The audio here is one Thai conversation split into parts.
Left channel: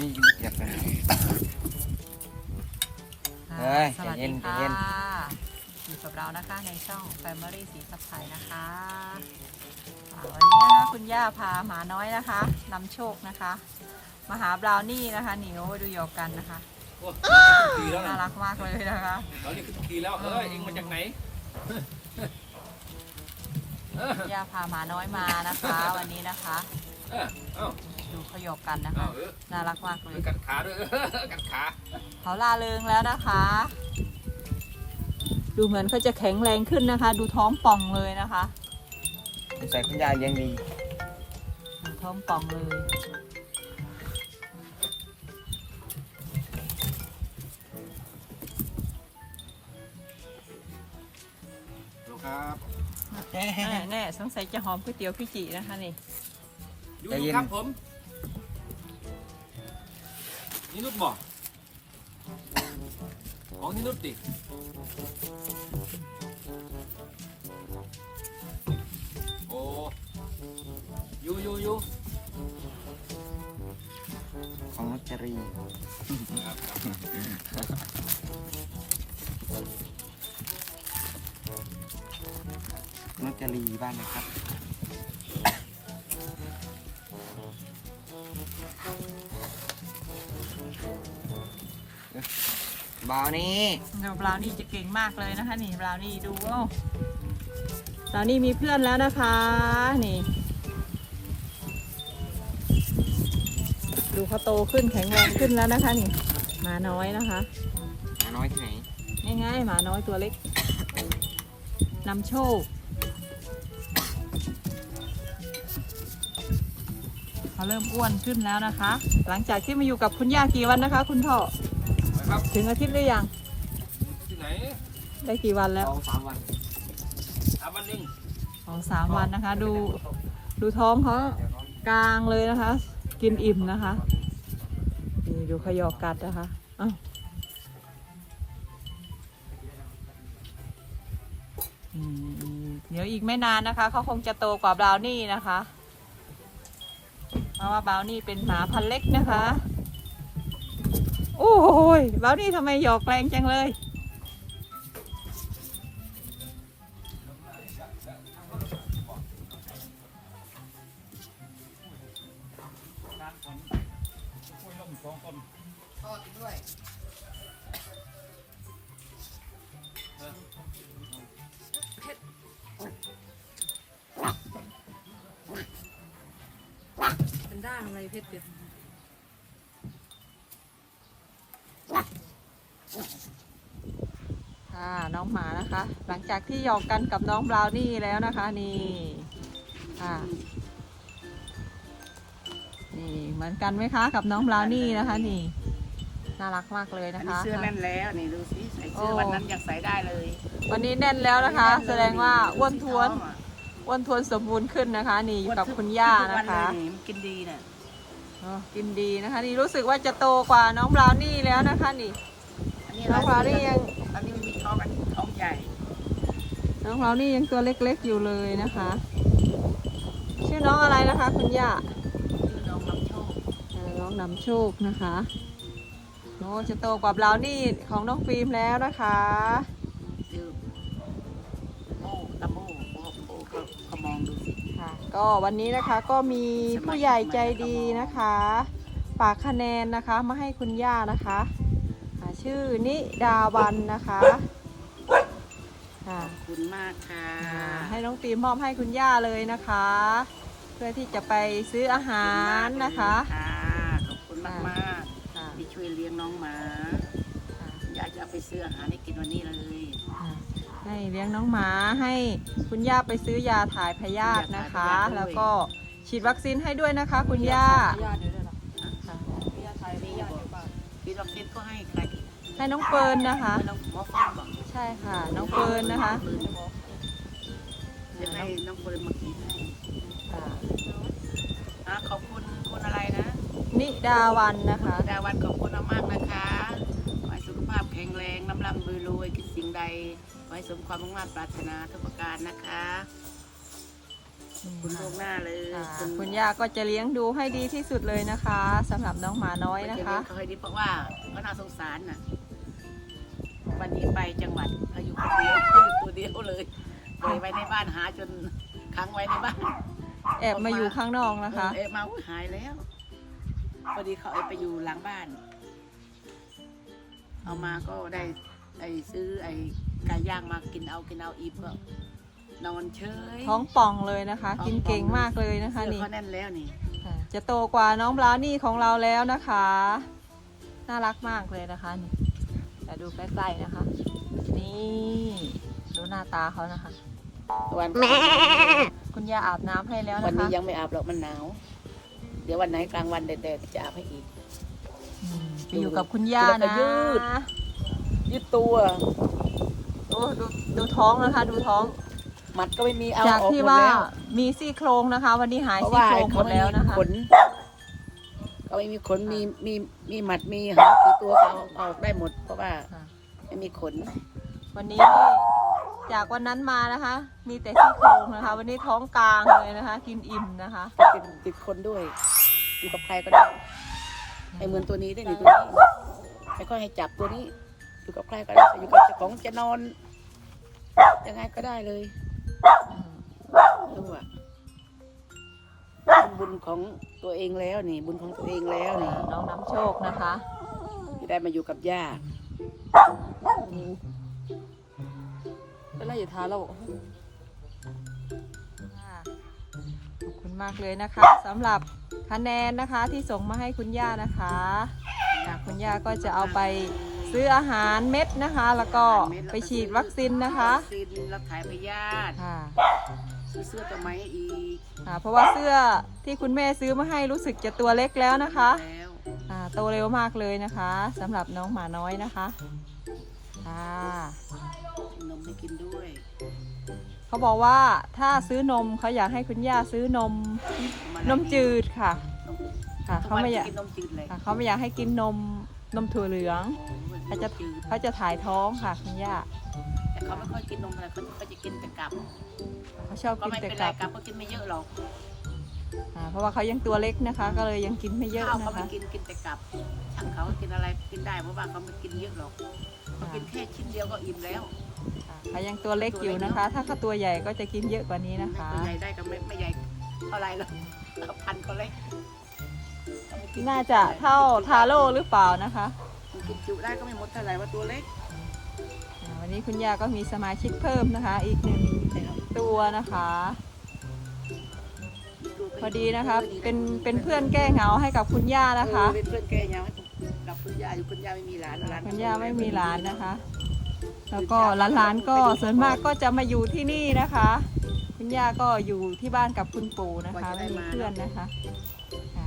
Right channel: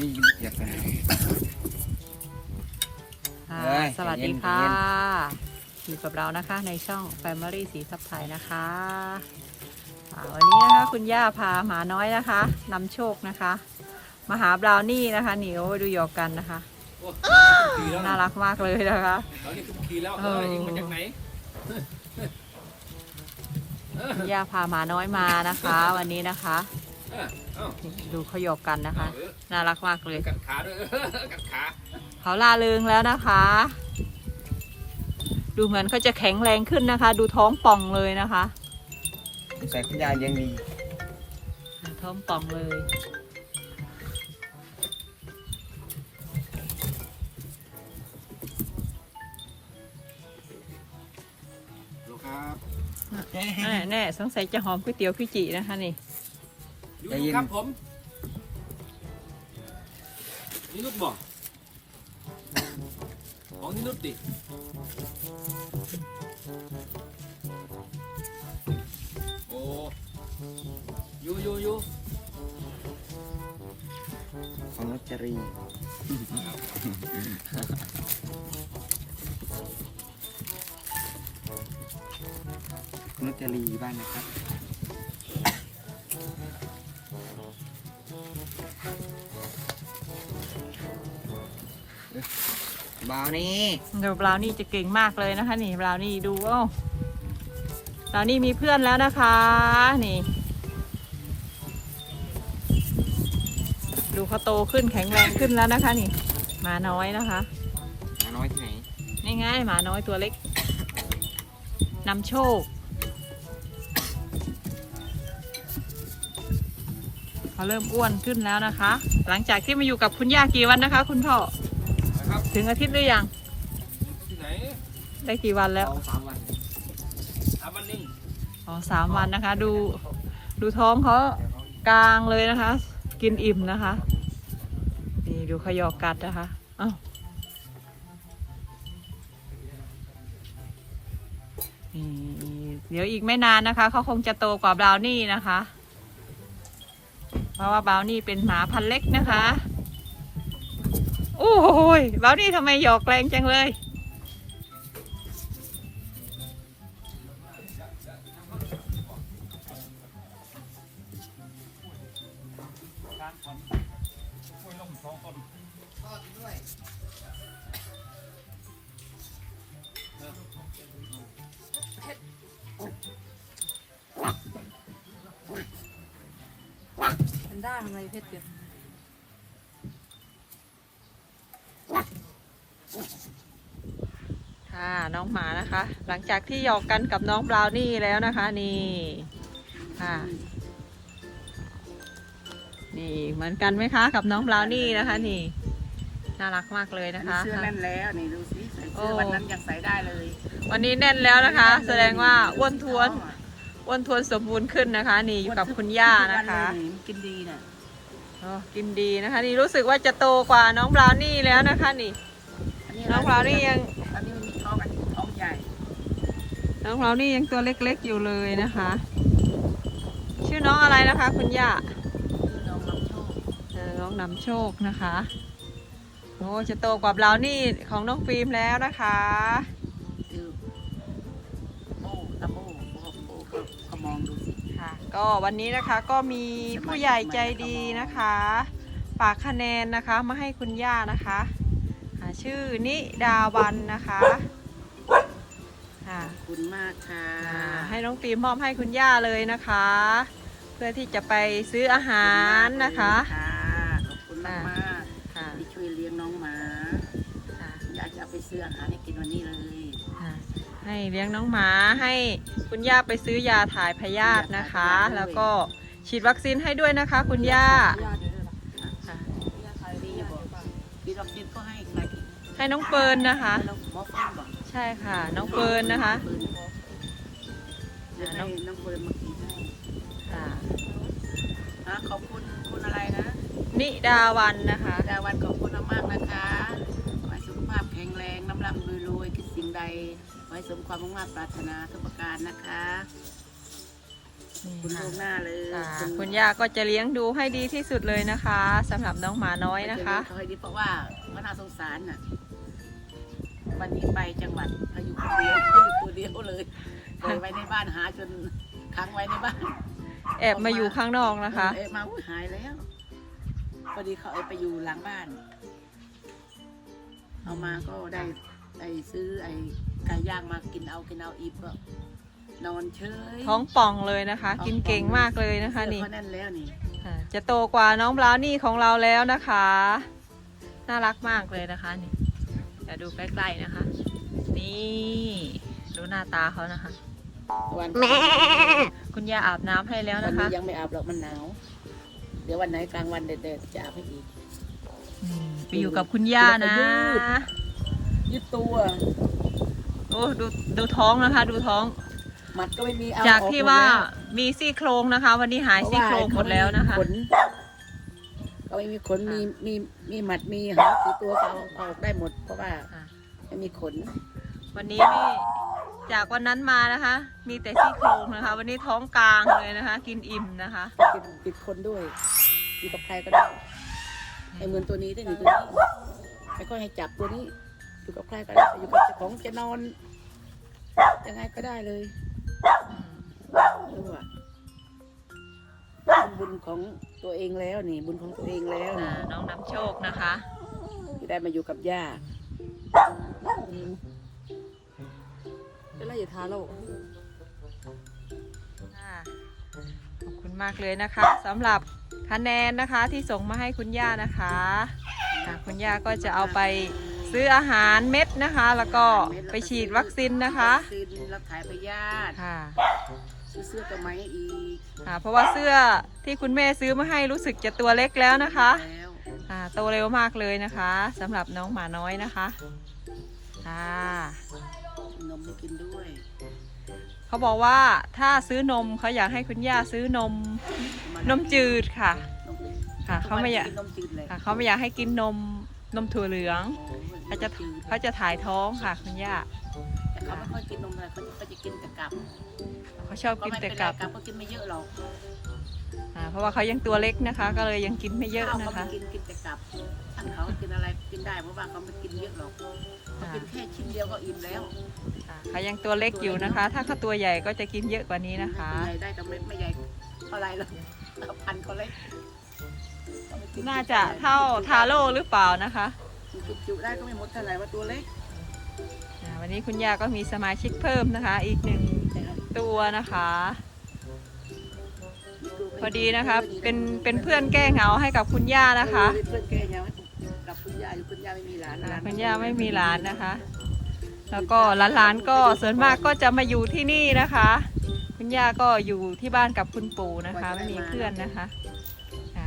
นี่อยากกันค่ะเอ้ยสวัสดีใจค่ะเย็นอยู่กับเรานะคะในช่อง Family สีสับไทยนะคะอ่าวันนี้นะคะคุณย่าพาหมาน้อยนะคะนำโชคนะคะมาหาบราวนี่นะคะหนิวดูหยอกกันนะคะดีแล้วน่ารักมากเลยนะคะเรานี่คือดีแล้วเอเอออยิงมาจากไหนคุณย่าพาหมาน้อยมานะคะ วันนี้นะคะเออเอ้า ดูเขาหยอกกันนะคะเออน่ารักมากเลย กัดขาด้วยเออกัดขาเขาลาเริงแล้วนะคะ ดูเหมือนเขาจะแข็งแรงขึ้นนะคะ ดูท้องป่องเลยนะคะใส่คุณยายยังมีท้องป่องเลยดูครับแน่แน่สงสัยจะหอมก๋วยเตี๋ยวพี่จินะคะนี่ ดูดูครับผมนี่นุชบอกของนี่นุชดิโอ้ยูยูยูของนุจรีนุจรีบ้างนะครับ บาวนี่เดี๋ยวบราวนี่จะเก่งมากเลยนะคะ นี่บราวนี่ดูว่าบราวนี่มีเพื่อนแล้วนะคะ นี่ ดูเขาโตขึ้นแข็งแรงขึ้นแล้วนะคะ นี่หมาน้อยนะคะหมาน้อยที่ไหนง่ายๆหมาน้อยตัวเล็กนำโชคเขาเริ่มอ้วนขึ้นแล้วนะคะ หลังจากที่มาอยู่กับคุณย่ากี่วันนะคะ คุณพ่อครับ ถึงอาทิตย์หรือยัง ที่ไหนได้กี่วันแล้ว สองสามวันทำมันนิ่งอ๋อสามวันนะคะ ดู ดูท้องเขากลางเลยนะคะ กินอิ่มนะคะ นี่ดูขยอกกัดนะคะอ้าวอืมเดี๋ยวอีกไม่นานนะคะ เขาคงจะโตกว่าบราวนี่นะคะ เพราะว่าบราวนี่เป็นหมาพันธุ์เล็กนะคะ โอ้โหบรานี่ทำไมหยอกแรงจังเลยเป็นด้าทำไมเพชรเด็ด ค่ะน้องหมานะคะ หลังจากที่หยอกกันกับน้องบราวนี่แล้วนะคะ นี่ค่ะ นี่เหมือนกันไหมคะ กับน้องบราวนี่นะคะ นี่ น่ารักมากเลยอันะนนี้คะ เสื้อแน่นแล้วนี่ดูสิใส่เสื้อโอ้วันนั้นยังใส่ได้เลย วันนี้แน่นแล้วนะคะ แสดงว่าอ้วนทวนท้องอะอ้วนทวนสมบูรณ์ขึ้นนะคะ นี่อยู่กับคุณย่าทุกนะคะเลยมันกินดีน่ะอ๋อกินดีนะคะ นี่รู้สึกว่าจะโตกว่าน้องบราวนี่แล้วนะคะ นี่อันนี้น้องบราวนี่ยัง ใหญ่น้องบราวนี่ยังตัวเล็กๆอยู่เลยนะคะ ชื่อน้องอะไรนะคะ คุณย่าคือน้องลำโชคเออน้องนำโชคนะคะโอ้จะโตกว่าบราวนี่ของน้องฟิล์มแล้วนะคะคือโบ้ตะโบ้โบ้โบ้เขาเขามองดูสิค่ะ ก็วันนี้นะคะก็มีผู้ใหญ่ใจดีนะคะฝากคะแนนนะคะมาให้คุณย่านะคะอ่าชื่อนิดาวันนะคะ ค่ะ ขอบคุณมากค่ะอ่าให้น้องฟิล์มมอบให้คุณย่าเลยนะคะ เพื่อที่จะไปซื้ออาหารนะคะ ขอบคุณมากเลยค่ะขอบคุณมากค่ะๆที่ช่วยเลี้ยงน้องหมาค่ะอยากจะเอาไปซื้ออาหารให้กินวันนี้เลยค่ะให้เลี้ยงน้องหมาให้คุณย่าไปซื้อยาถ่ายพยาธินะคะ แล้วก็ฉีดวัคซีนให้ด้วยนะคะ คุณย่าค่ะดีบอกพี่ดอกเก็ตก็ให้ใครกินให้น้องเฟิร์นนะคะให้น้องหมอเฟิร์นบอกใช่ค่ะ น้องเฟิร์นนะคะเดี๋ยวให้น้องเฟิร์นมากินให้ค่ะอะขอบคุณคุณอะไรนะ นิดาวันนะคะ ดาวันขอบคุณมากๆนะคะขอให้สุขภาพแข็งแรงน้ำร่ำรวยรวยคิดสิ่งใดขอให้สมความมุ่งมั่นปรารถนาทุกประการนะคะนี่คุณค่ะล่วงหน้าเลยค่ะคุณย่าก็จะเลี้ยงดูให้ดีที่สุดเลยนะคะสำหรับน้องหมาน้อยนะคะเขาให้ดีเพราะว่าก็น่าสงสารน่ะ วันนี้ไปจังหวัดเขาอยู่คนเดียวเขาอยู่ตัวเดียวเลยปล่อยไว้ในบ้านหาจนค้างไว้ในบ้านแอบมาอยู่ข้างนอกนะคะ เออมาอุ๊ยหายแล้วพอดีเขาเอาไปอยู่หลังบ้าน เอามาก็ได้ไอ้ซื้อไอ้ไก่ย่างมากินเอากินเอาอีบก็นอนเฉยท้องป่องเลยนะคะ กินเก่งมากเลยนะคะเสื้อนี่เขาแน่นแล้วนี่ค่ะจะโตกว่าน้องบราวนี่ของเราแล้วนะคะ น่ารักมากเลยนะคะนี่ เดี๋ยวดูใกล้ๆนะคะ นี่ดูหน้าตาเขานะคะ วันคุณย่าอาบน้ำให้แล้ววันนะคะ นี้ยังไม่อาบหรอกมันหนาว เดี๋ยววันไหนกลางวันแดดๆจะอาบให้อีก อืมไปอยู่กับคุณย่านะยืด ยืดตัวโอ้ดูดูท้องนะคะ ดูท้องมัดก็ไม่มีเอาจากออกที่หมดว่าแล้วมีซี่โครงนะคะ วันนี้หายเพราะซี่ว่าโครงหมดแล้วนะคะเขาไม่มีข ก็ไม่มีขนมีมีมีหมัดมีหางกี่ตัวก็เอาเอาออกได้หมด เพราะว่าค่ะ ไม่มีขน วันนี้นี่จากวันนั้นมานะคะ มีแต่ซี่โครงนะคะ วันนี้ท้องกลางเลยนะคะ กินอิ่มนะคะ ติดติดคนด้วยอยู่กับใครก็ได้ไอ้เหมือนตัวนี้ได้หนึ่งตัวนี้ไม่ค่อยให้จับตัวนี้ อยู่กับใครก็ได้อยู่กับเจ้าของจะนอน ยังไงก็ได้เลยอืมรู้อะเป็นบุญของ ตัวเองแล้วนี่ บุญของตัวเองแล้วอ่านะน้องน้ำโชคนะคะที่ได้มาอยู่กับย่าเป็นไรอยู่ท้าเราค่ะขอบคุณมากเลยนะคะสำหรับคะแนนนะคะที่ส่งมาให้คุณย่านะคะอ่าคุณย่าก็จะเอาไปซื้ออาหารเม็ดนะคะ แล้วก็ไปฉีดวัคซีนนะคะวัคซีนรับถ่ายพยาธิค่ะ ซื้อเสื้อตัวไหมอีกอ่าเพราะว่าเสื้อที่คุณแม่ซื้อมาให้รู้สึกจะตัวเล็กแล้วนะคะแล้วอ่าโตเร็วมากเลยนะคะสำหรับน้องหมาน้อยนะคะค่ะนมให้กินด้วยเขาบอกว่าถ้าซื้อนมเขาอยากให้คุณย่าซื้อนมนมจืดค่ะ นมจืดค่ะเขาไม่อยากกินนมจืดเลย ค่ะเขาไม่อยากให้กินนม นมถั่วเหลืองโอ้ยเขาจะนมจืดเขาจะถ่ายท้องค่ะคุณย่าแต่เขาไม่ค่อยกินนมอะไรเขาจะเขาจะกินแต่กับเขาชอบก็กินไม่แต่เป็นไรกับกับก็กินไม่เยอะหรอกอ่าเพราะว่าเขายังตัวเล็กนะคะ ก็เลยยังกินไม่เยอะข้าวนะเขาไม่คะกินกินแต่กับท่านเขากินอะไรกินได้เพราะว่าเขาไม่กินเยอะหรอกเขากินแค่ชิ้นเดียวก็อิ่มแล้วอ่าเขายังตัวเล็กอยู่นะคะ ถ้าเขาตัวใหญ่ก็จะกินเยอะกว่านี้นะคะตัวใหญ่ได้ก็ไม่ไม่ใหญ่เท่าไรหรอกพันเขาเล็กเขไม่กิ น่าจะเท่าทาโร่หรือเปล่านะคะมันกินจุได้ก็ไม่หมดเท่าไหร่ว่าตัวเล็กอ่าวันนี้คุณย่าก็มีสมาชิกเพิ่มนะคะ อีกหนึ่งตัวนะคะ พอดีนะคะเป็นเป็นเพื่อนแก้เหงาให้กับคุณย่านะคะเออเป็นเพื่อนแกยังกับคุณย่าอยู่คุณย่าไม่มีหลานหลานคุณย่าไม่มีหลานนะคะ แล้วก็หลานๆก็ส่วนมากก็จะมาอยู่ที่นี่นะคะ คุณย่าก็อยู่ที่บ้านกับคุณปู่นะคะไม่มีเพื่อนนะคะอ่า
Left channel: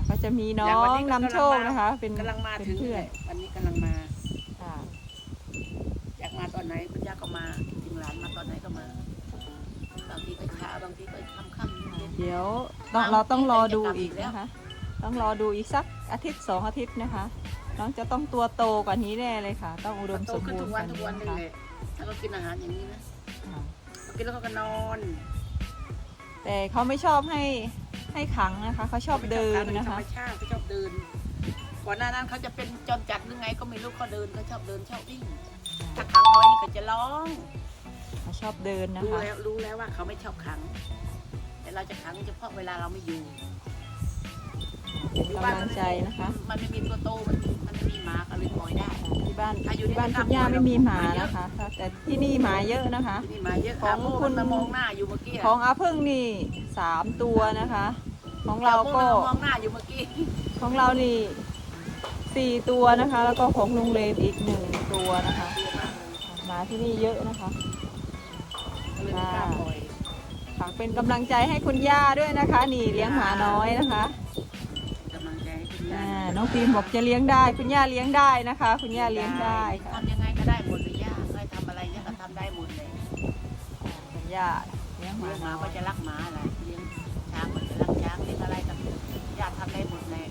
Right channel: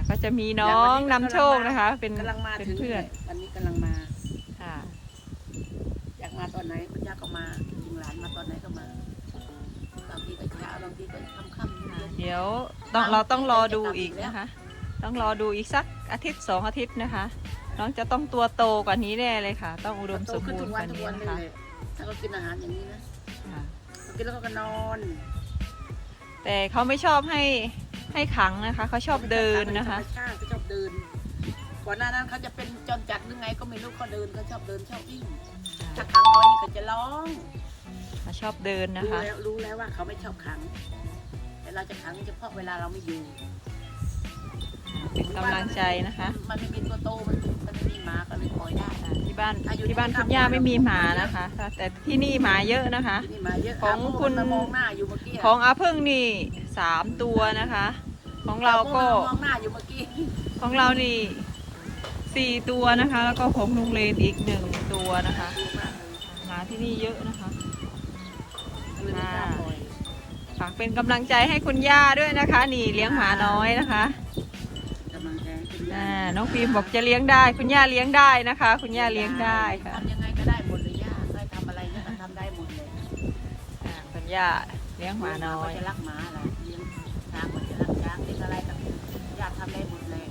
ก็จะมีน้องนำโชคนะคะ เป็นกำลังมาเป็นถึงเพื่อนวันนี้กำลังมาค่ะอยากมาตอนไหนคุณย่าก็มาถึงหลานมาตอนไหนก็มาบางทีก็ช้าบางทีก็ค่ำๆเย็นเดี๋ยวต้องเราต้องรอดูอีกนะคะ ต้องรอดูอีกสักอาทิตย์สองอาทิตย์นะคะ น้องจะต้องตัวโตกว่านี้แน่เลยค่ะ ต้องอุดมโตสมขึ้นบูทุรกณ์กวันว่าทุกนี้วันนะเลยคะแหละถ้าเขากินอาหารอย่างนี้นะอ่าเขากินแล้วเขาก็นอน แต่เขาไม่ชอบให้ ให้ขังนะคะเขาชอบเดินนะคะธรรมชาติเขาชอบเดินก่อนหน้านั้นเขาจะเป็นจรจัดหรือไงก็ไม่รู้เขาเดินเขาชอบเดินชอบวิ่งถ้าขังไว้นี่เขาจะร้องเขาชอบเดินนะรู้คะแล้วรู้แล้วว่าเขาไม่ชอบขัง แต่เราจะขังเฉพาะเวลาเราไม่อยู่เป็นกำลังใจนะคะ มันไม่มีตัวโตมันมัน ไม่มีหมาก็เลยปล่อยได้อ่าที่บ้านถ้าอยู่ที่บ้านในคุณกำย่ามือไม่มีหมาเยอะนะคะ แต่ที่นี่หมาเยอะนะคะที่นี่หมาเยอะของาโม่คุณมันมามองหน้าอยู่เมื่อกี้ะของอาพึ่งนี่สามตัวนะคะ ของเราก็อโม่มันมองหน้าอยู่เมื่อกี้ของเรานี่สี่ตัวนะคะ แล้วก็ของลุงเลนอีกหนึ่งตัวนะคะตัวมากเลยหมาที่นี่เยอะนะคะ ก็เลยไม่กล้าปล่อยฝากเป็นกำลังใจให้คุณย่าด้วยนะคะ นี่เลี้ยงหมาน้อยนะคะกำลังใจให้คุณย่าอ่าน้องฟิล์มบอกจะเลี้ยงได้ คุณย่าเลี้ยงได้นะคะ คุณย่าเลี้ยงได้ค่ะ ทำยังไงก็ได้หมดเลยย่าใครทำอะไรเนี่ยก็ทำได้หมดเลยอ่าคุณย่าเลี้ยงหมาน้อก็ยจะรักหมาแหละเลี้ยงช้างก็จะรักช้างเลี้ยงอะไรก็ย่าทำได้หมดเลย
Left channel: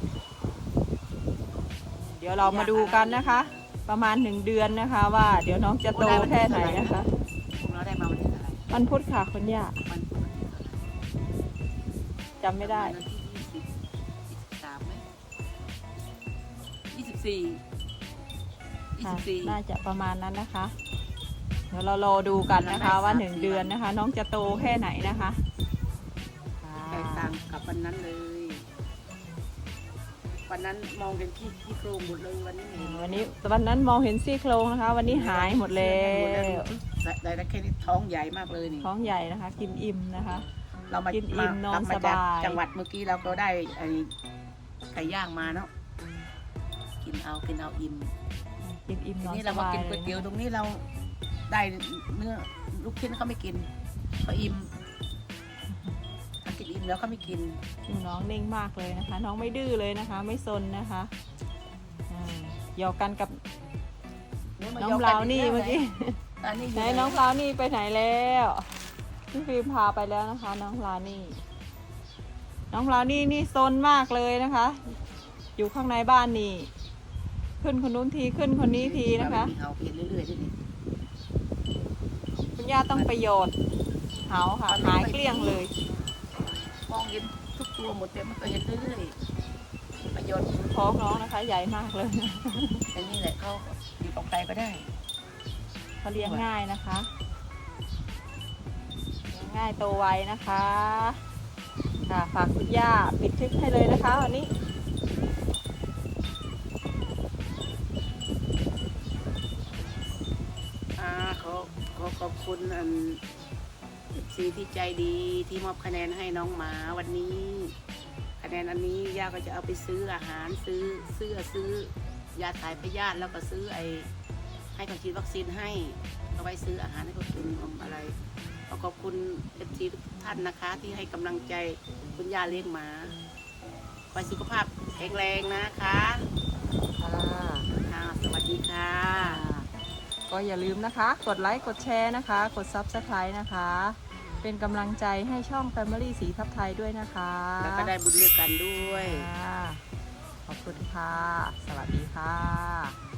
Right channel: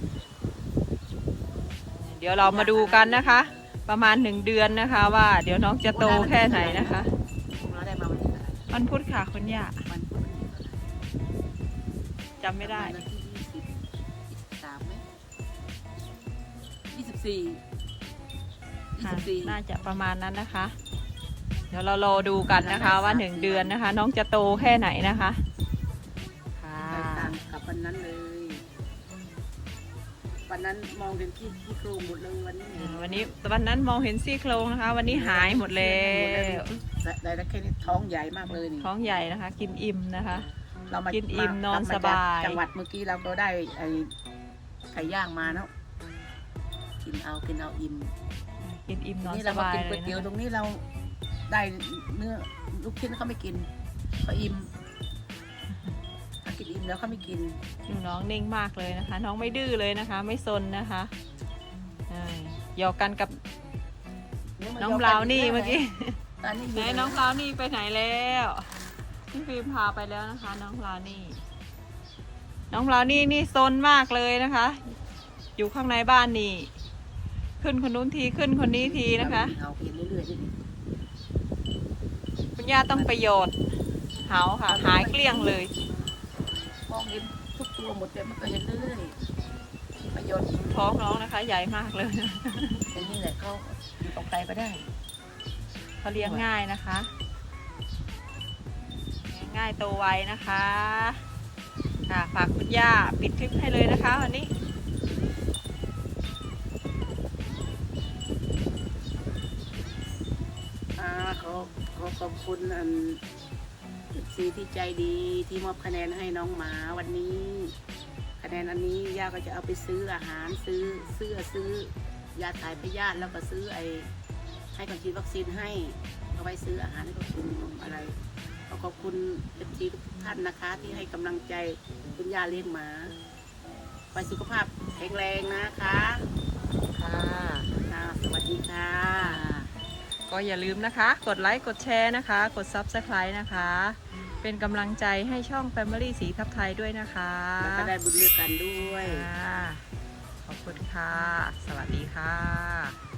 เดี๋ยวเรามาดูกันนะคะ ประมาณหนึ่งเดือนนะคะ ว่า เดี๋ยวน้องจะโตแค่ไหนนะคะ พวกเราได้มาวันที่เท่าไหร่วันพุธค่ะคุณย่าวันพุธวันที่เท่าไหร่ำไม่ได้ประาณวันที่ยี่สิบ สิบสี่ยี่ค่ะสิบสี่น่าจะประมาณนั้นนะคะ เดี๋ยวเรารอดูกันนะคะว่าหนึ่งเดือนนะคะ น้องจะโตแค่ไหนนะคะค่ะแตกต่างกับวันนั้นเลย วันนั้นมองกันขี้ขี้โครงหมดเลยวันนี้ไม่อืเห็นมวันนี้วันนั้นมองเห็นซี่โครงนะคะ วันนี้หายหมดแล้วแต่แต่แค่นี้ท้องใหญ่มากเลยนี่ท้องใหญ่นะคะ กินอิ่มนะคะ เรามากินอิ่มนอนเรมสบายจกจังหวัดเมื่อกี้เราก็ได้ไอ้ไก่ย่างมาเนาะ กินเอากินเอาอิ่มกินอิ่มทีนอนนี้สเรามาบายกินเลก๋วยยเตี๋ยวนะตรงนี้เราได้เนื้อลูกชิ้นเขาไม่กินเขาอิ่มเขากินอิ่มแล้วเขาไม่กิน ดูน้องนิ่งมากเลยนะคะ น้องไม่ดื้อเลยนะคะ ไม่ซนนะคะอ่าหยอกกันกับน้องบราวนี่เมื่อกี้ ตอนนี้อไหนยู่น้องบราวนี่ไปไหนแล้วพี่ฟิล์มพาไปแล้วนะคะ น้องบราวนี่ น้องบราวนี่นี่ซนมากเลยนะคะ อยู่ข้างในบ้านนี่ ขึ้นคนนู้นทีขึ้นคนนี้ทีนะคะเอากินเรื่อยๆด้วยนี่คุณย่าต้องประโยชน์เหาค่ะหายเกลี้ยงเลยมองเห็นทุกตัวหมดแต่มันก็เห็นเรื่อยๆประโยชน์ท้องน้องนะคะ ใหญ่มากเลยอย่างนี้แหละเขาอยู่กับใครก็ได้เขาเลี้ยงง่ายนะคะเลี้ยงง่ายโตไวนะคะค่ะฝากคุณย่าปิดคลิปให้เลยนะคะวันนี้ อ่าขอขอขอบคุณอันซีที่ใจดีที่มอบคะแนนให้น้องหมาวันนี้ คะแนนอันนี้ย่าก็จะเอาไปซื้ออาหารซื้อเสื้อซื้อยาถ่ายพยาธิแล้วก็ซื้อไอ้ให้คนฉีดวัคซีนให้เอาไว้ซื้ออาหารให้เขากินของอะไรขอขอบคุณเอฟซีทุกท่านนะคะ ที่ให้กำลังใจคุณย่าเลี้ยงหมาขอให้สุขภาพแข็งแรงนะคะ ค่ะ ค่ะ สวัสดีค่ะ ก็อย่าลืมนะคะ กดไลค์ กดแชร์นะคะ กด Subscribe นะคะ เป็นกำลังใจให้ช่อง Family สีทับไทยด้วยนะคะแล้วก็ได้บุญเลือกกันด้วย ค่ะขอบคุณค่ะ สวัสดีค่ะ